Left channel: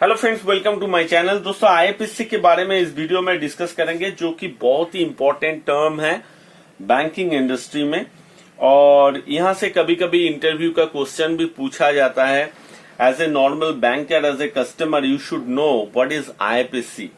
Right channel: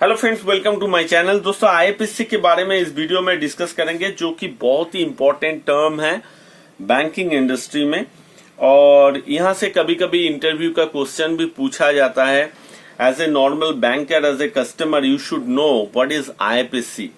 Hello friends, welcome to my channel. दोस्तों, IFSC के बारे में इस वीडियो में डिस्कस करेंगे, जो कि बहुत ही इंपॉर्टेंट टर्म है बैंकिंग इंडस्ट्री में। और यहां से कभी कभी इंटरव्यू का क्वेश्चन भी पूछा जाता है। As a normal banker, as a customer, you should know what is IFSC.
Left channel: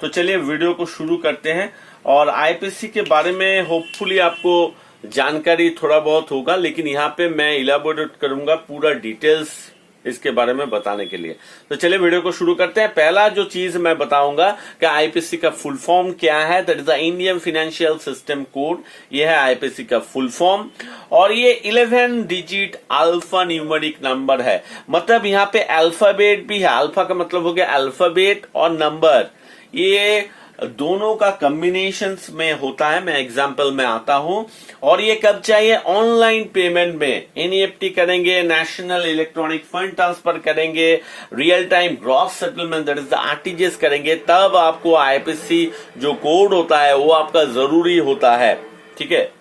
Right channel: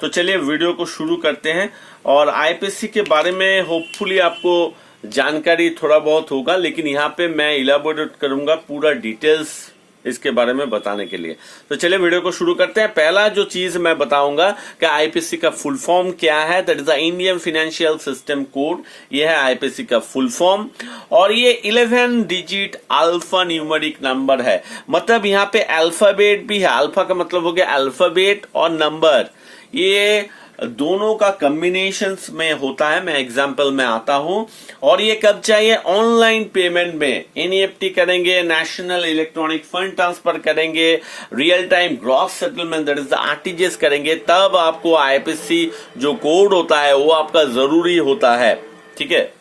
तो चलिए वीडियो को शुरू करते हैं। और आईएफएससी के बारे में होपफुली आपको जानकारी थोड़ा बहुत होगा, लेकिन यहाँ पे मैं इलाबोरेट करूंगा पूरा डिटेल्स इसके बारे में बताने के लिए। तो चलिए वीडियो को शुरू करते हैं। पहला जो चीज मैं बताऊंगा कि आईपीसी का फुल फॉर्म क्या है, that is the Indian financial system code. ये है आईपीसी का फुल फॉर्म, और ये 11 डिजिट अल्फा न्यूमेरिक नंबर है। मतलब यहाँ पे अल्फाबेट भी है। अल्फा का मतलब हो गया अल्फाबेट और नंबर, ये दोनों का कॉम्बिनेशन में होता है। मैं एग्जांपल में आता हूं। और ये कब चाहिए? ऑनलाइन पेमेंट में एनईएफटी करेंगे, नेशनल इलेक्ट्रॉनिक फंड ट्रांसफर करेंगे, real time gross settlement that is the RTGS करेंगे, तब आपको आईएफएससी जो कोड होता है वो आपका जरूरी होता है। ठीक है,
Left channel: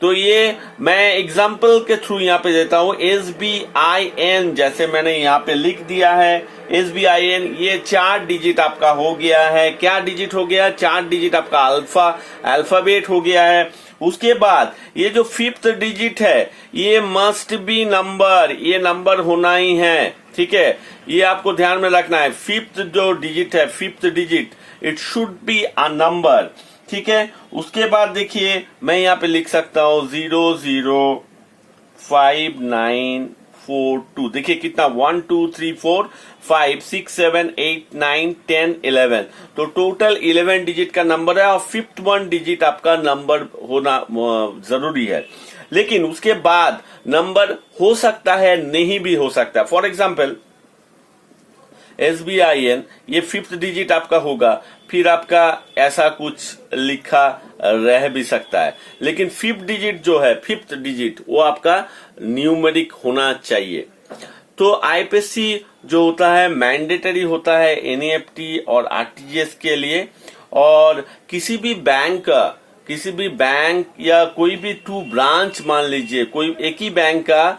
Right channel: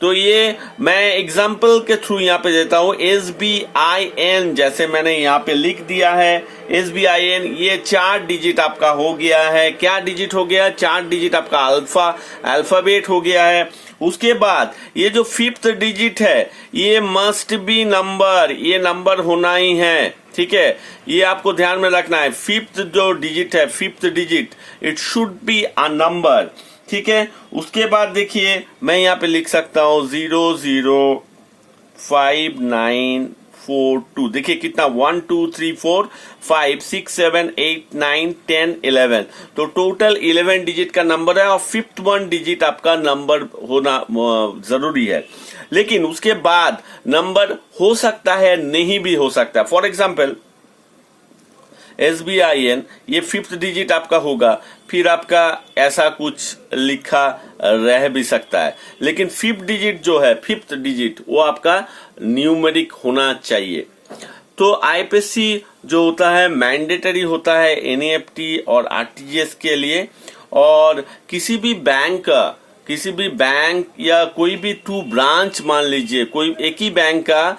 तो ये मैं एग्जाम्पल के थ्रू यहाँ पे देता हूं। SBIN जैसे मैंने यहाँ पे लिख दिया है, SBIN ये 4 डिजिट आपका हो गया है। क्या डिजिट हो गया? 4 डिजिट आपका अल्फाबेट हो गया है। उसके बाद ये जो 5th डिजिट है, ये मस्ट बी नंबर, ये नंबर होना ही है। ठीक है, ये आपको ध्यान में रखना है। 5th जो डिजिट है, 5th digit, it should be a number. ठीक है, उसके बाद देखिए मैं यहाँ पे लिख सकता हूँ 005942। देखिए कितना 1 2 3 4 5 6 7 8 9 10 11, तो टोटल 11 डिजिट का नंबर है। और 5th 1 डिजिट आपका नंबर होना जरूरी है। लेकिन उसके बाद नंबर हो सकता है, नहीं भी हो सकता है। फॉर एग्जाम्पल SBIN ये 5th डिजिट आपका होगा, फिर आपका ऐसा कुछ लिखा रह भी सकता है। लेकिन 5th डिजिट जो है, 5th डिजिट, वो आपका न्यूमेरिक होना चाहिए। तो आईपीएससी जो होता है मैंडेटरी होता है एनईएफटी और आरटीजीएस के लिए। और किसी भी बैंक या कोई भी 2 ब्रांच, मान लीजिए कोई एक ही बैंक का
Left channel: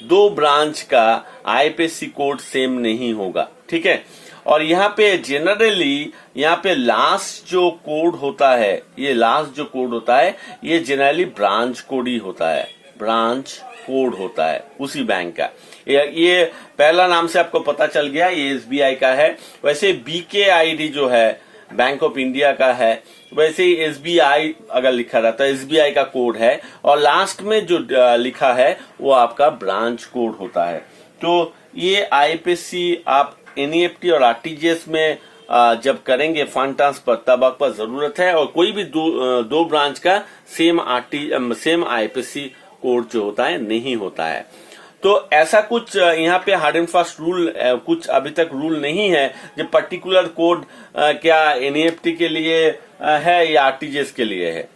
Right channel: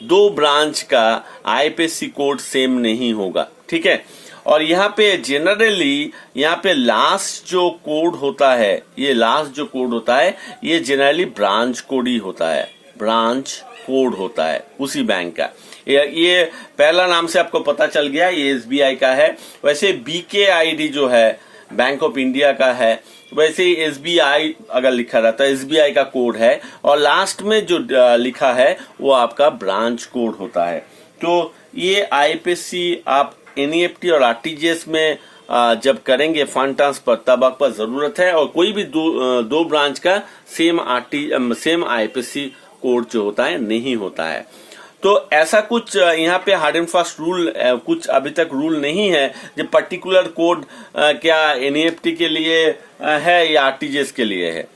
2 ब्रांच का आईपीएससी कोड सेम नहीं होगा। ठीक है, और यहाँ पे जनरली यहाँ पे लास्ट जो कोड होता है, ये जनरली ब्रांच कोड ही होता है। ब्रांच कोड होता है उसी बैंक का। ये पहला नाम से आपको पता चल गया, ये एसबीआई का है। वैसे बीकेआईडी जो है बैंक ऑफ इंडिया का है, वैसे ही एसबीआई अगर लिखा रहता है, एसबीआई का कोड है। और लास्ट में जो लिखा है वो आपका ब्रांच कोड होता है। तो ये आईपीएससी आप एनईएफटी और आरटीजीएस में जब करेंगे फंड ट्रांसफर, तब आपका जरूरत है। और कोई भी दो ब्रांच का सेम आईपीएससी कोड जो होता है नहीं होता है। तो ऐसा कुछ यहाँ पे हार्ड एंड फास्ट रूल कुछ अभी तक रूल नहीं है जो पर्टिकुलर कोड क्या एनईएफटी के लिए है या आरटीजीएस के लिए है,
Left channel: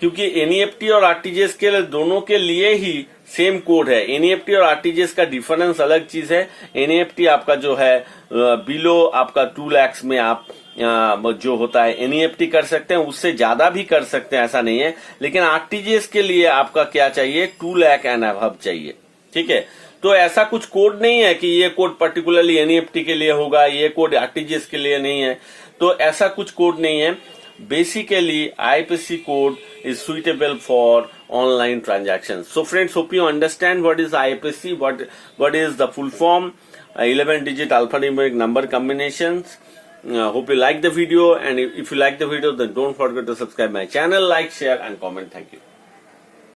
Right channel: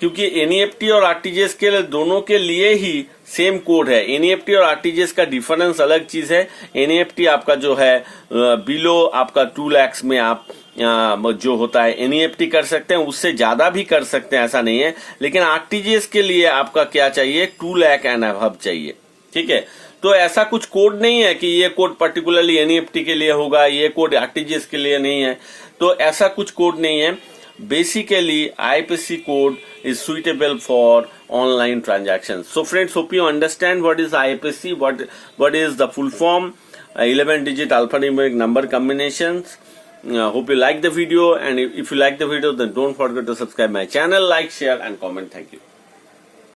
क्योंकि एनईएफटी और आरटीजीएस के लिए दोनों के लिए ही सेम कोड है। एनईएफटी और आरटीजीएस का डिफरेंस अलग चीज है। एनईएफटी आपका जो है बिलो आपका 2 लाख में आप जो होता है एनईएफटी कर सकते हैं, उससे ज्यादा भी कर सकते हैं, ऐसा नहीं है। लेकिन आरटीजीएस के लिए आपका क्या चाहिए? 2 लाख एंड अबव चाहिए। ठीक है, तो ऐसा कुछ कोड नहीं है कि ये कोड पर्टिकुलरली एनईएफटी के लिए होगा, ये कोड आरटीजीएस के लिए नहीं है। तो ऐसा कुछ कोड नहीं है। Basically, IPC code is suitable for online transactions. So friends, hope you understand what is IPC, what is the full form, 11 digit alphanumeric number combinations. Hope you like the video, and if you like the video, then don't forget to subscribe my channel, like, share and comment. Thank you.